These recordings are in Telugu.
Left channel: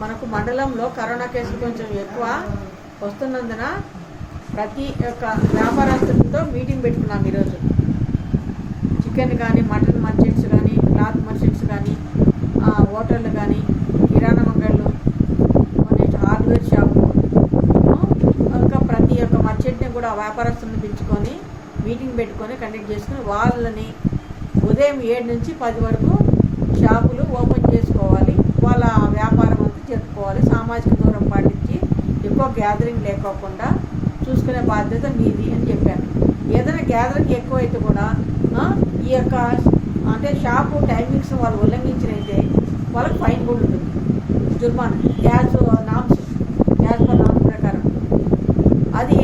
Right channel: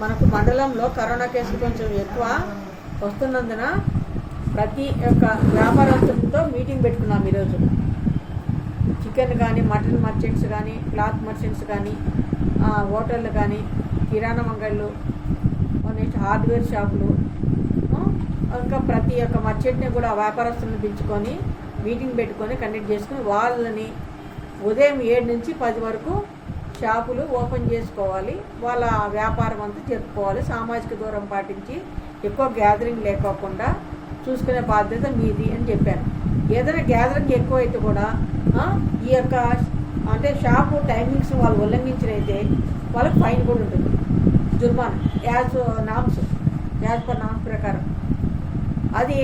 మనకు మండలంలో కరోనా కేసులు కొంచెం ఎక్కువ వస్తున్నందున ప్రతి ఒక్క వ్యాపారస్తులతో మీటింగ్ పెట్టుకున్నాం ఈరోజు. చికెన్ కానీ మటన్ మర్చెంట్స్ కానీ క్లాత్ మర్చెంట్స్ కానీ హోటళ్ళు కానీ కిరాణా మంగళ్ళు హార్డ్వేర్ షాపులు ఇంకా ప్రతి ఒక్క మర్చెంట్ని కూడా వ్యాపారస్తులను పిలుచుకొని మీటింగ్ పెట్టుకొని కండక్ట్ చేసుకుని వాళ్ళని ఉదయం ఏడు నుంచి పది వరకు షాపులు ఓపెన్ చేసుకోవాలి. వాళ్ళ వ్యాపారం అంతా జరుపుకోవాలి సామాజిక దూరం పాటించి ఎక్కువ గ్యాదరింగ్ లేకోకుండా చూసుకునే బాధ్యత మీది అని చెప్పాను. ఏదైనా గ్యాదరింగ్ ఎక్కువ అయితే కూడా ఈ యొక్క అంటే షాపు టైమింగ్స్ వాళ్ళు ఉల్లంఘించినైతే వాళ్ళకి ఫైన్ కూడా ఉంటుంది. జుర్మానా as norms as per norms ప్రకారం. అది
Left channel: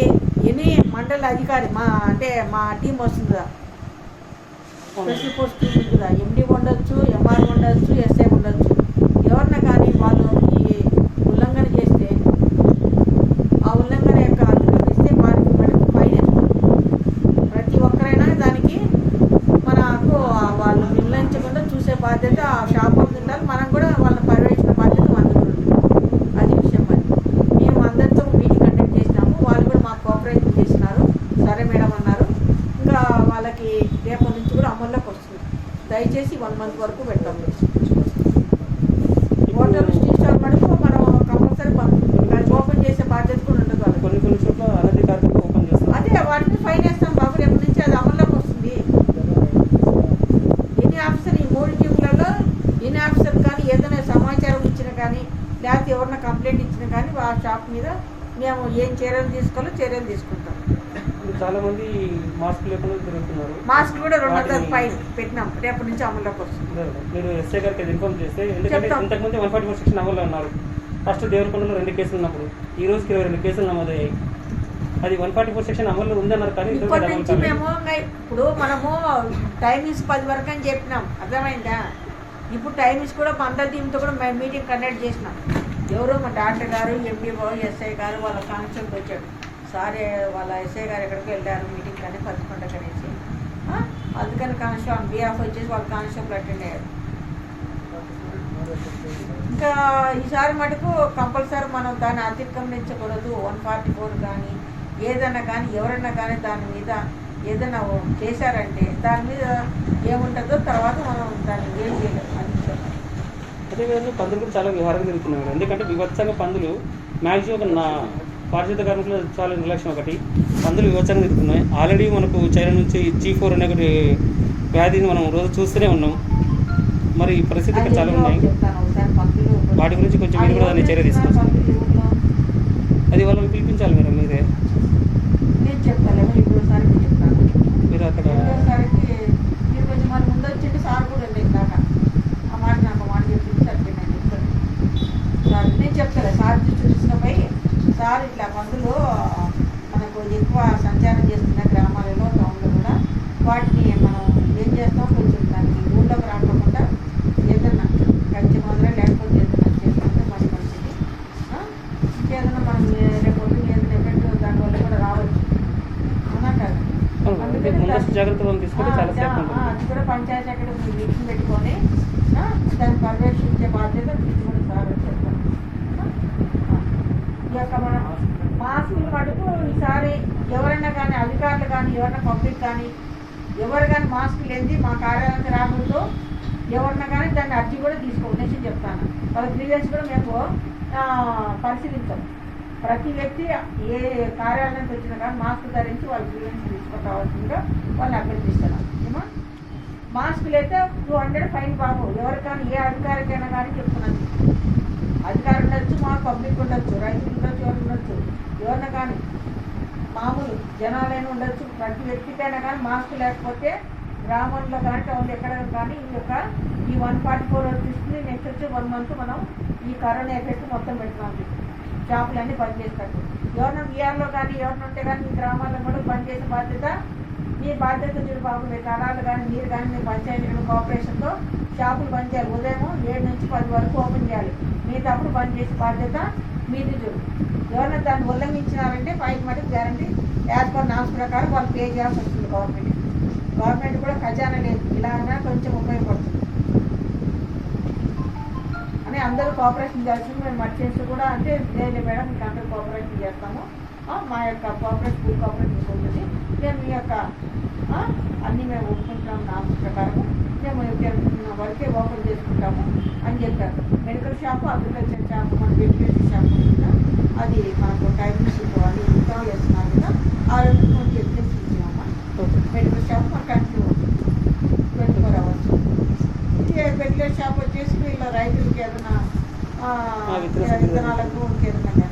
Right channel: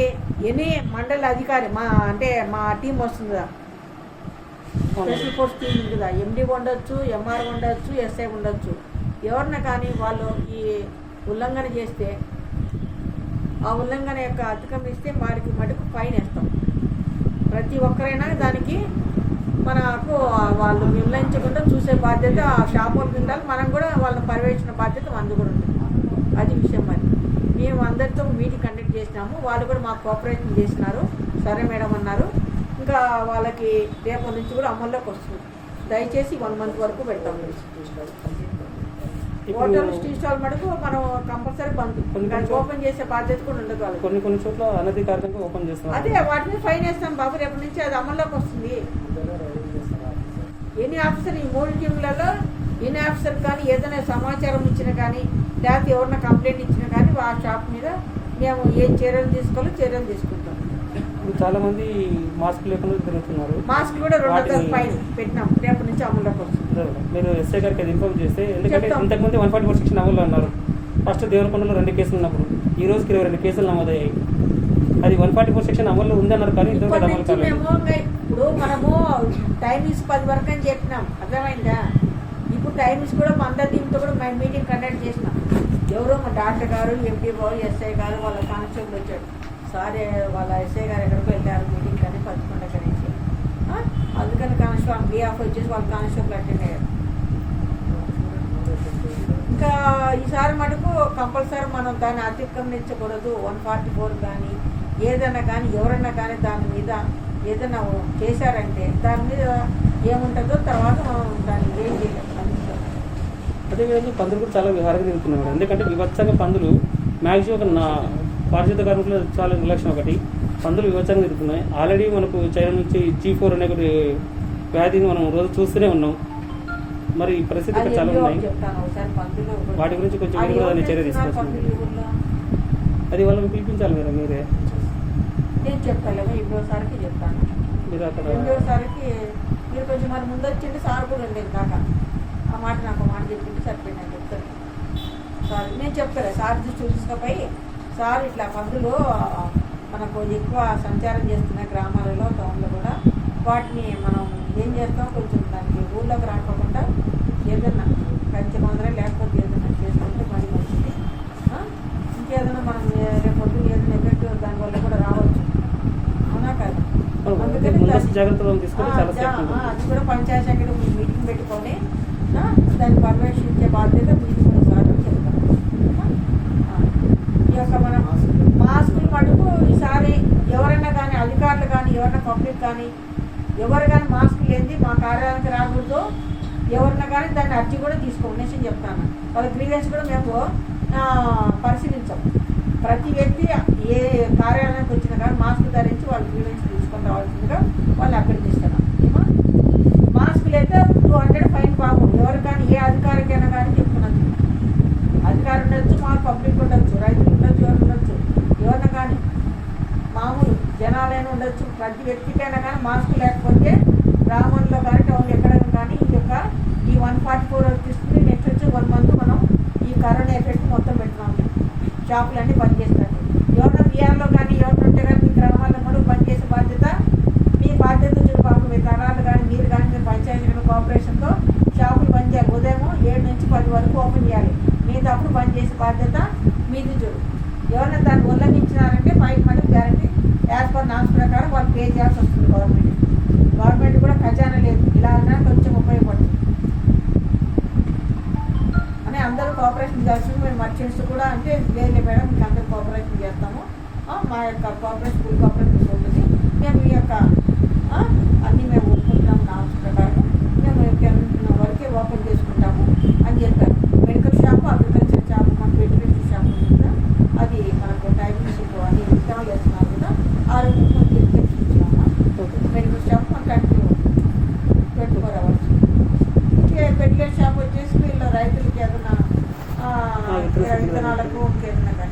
ఎనీ మండల అధికారి మా అంటే మా టీం వస్తుందా స్పెషల్ ఫోర్స్ టీం ఉంది కదా. ఎండి ఉండొచ్చు ఎంఆర్ ఉండొచ్చు ఎస్ఐ ఉండొచ్చు. ఎవరిన కానీ వాళ్ళు ఈ ఉల్లంఘన చేస్తే ఆ ఉల్లంఘన యొక్క అతిక్రమిస్తే వారికి మటుకు ఫైన్ వేస్తాం ప్రతి ఒక్కరైనా దానికి మనకు వాళ్ళు నిర్ణయించకుండా చూసే బాధ్యత ఆ షాప్ వాళ్ళు ఉండాలి. మనం కూడా వాళ్ళని పర్యవేక్షణ బాధ్యత మనకు కూడా ఉంటుంది. అది విషయం మరి. మేము అందరితో మీటింగ్ కండక్ట్ చేసినాము. వాళ్ళు కూడా మాకు కోఆపరేషన్ చేసినారు సరే మేడం అన్నారు. ఇంకా వాళ్ళకి రేపటి నుంచి కూడా అమల్లోకి వస్తుంది. దయచేసి వన్ మంత్ వరకు పెడతాం హోటల్ టీ స్టాల్ మటుకు మనం కంపల్సరీ ఓపెన్ చేసే బాధ్యత కూడా ఉండదు కొన్ని కొన్ని చోట్ల అనధికారికంగా ఓపెన్ చేస్తారు. అదే వాటిని ఫైన్ వేస్తాం బాబు రేపటి నుంచి అది అమల్లోకి వస్తుంది. ఎన్ని ఆఫీసర్ ఈ మూడు టీములలో ఎన్ని ఆఫీసర్ కానీ ఏదైనా సమాచారం ఇచ్చిన కానీ లేకపోతే ఎవరైనా కంప్లైంట్ ఇచ్చినా కానీ ఆ షాప్ మీద మేము ఏం చర్యలు తీసుకోవాలో చర్యలు తీసుకుంటాం. చాలా మంది మాస్క్ లేకుండా తిరుగుతున్నారు. మాస్క్ కూడా రెండు వందల ఫైన్ పెట్టినాం. రేపటి నుంచి అమల్లోకి వస్తుంది. నేను ఎస్ఐ గారికి ఇన్ఫార్మ్ చేస్తే ఎందుకంటే. ఇంతకుముందు వన్ ఫార్టీ ఫోర్ సెక్షన్ అమల్లో ఉన్నారు. ఫస్ట్ దేవరకొండలో రెండు కేసులు ఉన్నప్పుడు ఈ రోజుకి ఇరవై రెండు కేసులు నమోదయ్యాయి. అది వన్ ఫార్టీ ఫోర్ సెక్షన్ అమల్లో ఉందన్నారు కానీ. మేము ఇప్పుడు మనము టైమింగ్స్ పది వరకు అని చెప్పినాం. అర్థమైందా? ఇప్పుడు టైమింగ్స్ కూడా అందరి టీంతో కూడా మేము మీటింగ్ కండక్ట్ చేసినాం. ఎవరో మా డాక్టర్ గారు ఎంపీ బాబు ఎస్ఐ గారు వాళ్ళ కానిస్టేబుల్ వచ్చాడు సారే వాళ్ళ ఎస్ఐ గారు ఎక్కడికి వెళ్ళారు మీటింగ్ కానీ పదకొండ కనేసి. అందుకని కానిస్టేబుల్ బీఆఫ్ వచ్చేసి వాళ్ళు కానిస్టేబుల్ అటెండ్ అయ్యారు. ఇంకా ఈసారి మటుకు కంపల్సరీ మనం దాన్ని అతిక్రమించకూడదు. వన్ ఫార్టీ ఫోర్ కానీ ఏదైనా కానీ ఎవరైనా కానీ దాని మీద ఏదైనా చేశారంటే దాని మీద ఏముంటుందో తర్వాత మనం దాన్ని ఏం చేయలేం. అందించాం అదేవిధంగా పందులు కూడా చాలా విహారంగా తిరుగుతున్నారు ఎందుకంటే వివత్సంగా పందులు మ్యాక్సిమం నా పారిశుద్ధ కార్మికులు చాలా నిర్లక్ష్యం ఒకటి. పందులు వివత్సంగా తిరుగుతున్నాయి ఆల్రెడీ మనకు చైనా నుంచి జీ ఫోర్ అనే ఒకటి వ్యాధిని మనం రోజు చూస్తూనే ఉన్నాం. మరి ఈ పరిస్థితి చాలా ఉన్నాయి. వాటి గురించి కొంచెం మీరు కూడా దాన్ని చర్య తీసుకోవచ్చు? అది వాళ్ళని పిలిపించాలి మేడం మీరే. మీరు అక్కడ రెండోసారికి మీరు కొంచెం మరి ముందు వచ్చింటే సార్ కూడా ఉండేది దాకా ఆ మాట నాకు మాట చెప్పింది సరిపోయింది నేను చెప్తాను సార్ నేను చెప్తాను సార్ చూసినపోయి సార్ ఇట్లా మందులు మనకు ఎక్కువ సంచారం చేస్తున్న గ్రామాలలో టౌన్లో కూడా వాటిని మనం ఏం చేస్తాం కొంచెం దానికి ఊళ్ళోకి రాకుండా ఏదన్నా కంచె మొదల లేకపోతే ఏదన్నా చేసుకుంటే మరి మంచిది. ఆ? ఇంకేదైనా మనం రేపు పొద్దున్న ఏదైనా ఎఫెక్ట్ దానివల్ల కూడా రావచ్చు. అవునా కాదు? అందుకని అది కూడా పంచాయతీ అక్కడ మీటింగ్ పెట్టుకొని దాన్ని పర్యవేక్షించే బాధ్యత మీకు కూడా సార్ అని చెప్తాను ఆ, ఈ యొక్క మన మాస్కులు మటుకు ఈసారి ఎవరైనా కానీ అధికారులు కానీ ఎవరైనా పబ్లిక్ కానీ ఎవరు కానీ మాస్క్ లేనిది మా కార్యాలయానికి రాకూడదు. ఎవరన్నా కానీ దాన్ని అర్జీ కూడా తీసుకోండి నేను చెప్తాను. వాళ్ళ గ్రీవెన్స్ కూడా మేము పరిశీలించాం. ప్రతి వ్యక్తి ఏ కార్యాలయానికి వచ్చినా కానీ మాస్క్ ధరించి వాళ్ళ గ్రీవెన్స్ తీసుకొని రావాల్సిందిగా వాళ్ళు అభ్యర్థిస్తున్నాం ఏమా? మాస్క్ లేక టూ హండ్రెడ్ ఫైన్ బాబు. ఎవరికైనా కానీ ఏ అధికారికైనా కానీ చెప్తున్నాను. అధికారులు ఉండొచ్చు మా పబ్లిక్ ఉండొచ్చు రైతులు. ఎవరైనా కానీ మామూలు జనాలైనా ఉండొచ్చు ప్రతి వ్యక్తికైనా కానీ మాస్క్ లేకపోతే గ్రామంలో కానీ టౌన్లో ఎక్కడైనా కానీ ఈ యొక్క ఈ వన్ ఫార్టీ ఫోర్ తీసుకుని నెక్స్ట్ వచ్చే వన్ మంత్ మనం ఈ కరోనా ఎఫెక్ట్ మొత్తం పెట్టున్నాం షాపులన్నీ బంద్ చేస్తారు ఎవరైనా బీఆర్లో కానీ ఎవరైనా ఉంటే కానీ మీ గ్రామాల్లో కూడా బంద్ చేసే బాధ్యత మీ బాధ్యత చూడు మీ తరాలు కానీ మీరు కానీ మీ పంచాయతీ కానీ కోఆపరేషన్తో షాపులు బంద్ చేయాలి. ఉదయం ఏడు నుంచి పది వరకు ఓపెన్ చేయాలి. మిగతా అప్పుడు బంద్ చేసే బాధ్యత మీది చూడు. ఎవరైనా దాన్ని ఉల్లంఘించినారంటే fine money guarantee as per norms ప్రకారం వాళ్ళు పే చేయాల్సి వస్తుంది గవర్నమెంట్ గవర్నమెంట్ కూడా ఖజానా లేదు. ఇలా అన్నా కొంచెం ఉపయోగపడుతుంది. అని అందరూ కోఆపరేషన్ చేస్తుంది మేము మర్చెంట్స్ కూడా అంటే లేదు మేడం మీకు అందరూ కోఆపరేషన్ చేస్తాము. మా యొక్క కోఆపరేషన్ ఫుల్ కోఆపరేషన్ ఉంటుంది. మేము మీ యొక్క అన్నీ మేము ఒప్పుకుంటాం నామ్స్ ప్రకారం మేము వరకే ఓపెన్ చేసుకుంటాము అని చెప్పారు. మెడికల్ షాప్ అగ్రికల్చర్ షాప్ మన వెజిటేషన్ షాప్ ఉంది కదా అది మనకు టైమింగ్స్ అది ఇన్స్టాల్ చేస్తున్నారు కదా ఆ రెండు మనకి ఎగ్జామ్స్ ఇచ్చినాము మెడికల్ షాప్ మన continue twenty four hours medical shop వచ్చేసి వీళ్ళ రైతులకి ఏదైనా విత్తనాలకు ఇంకేదైనా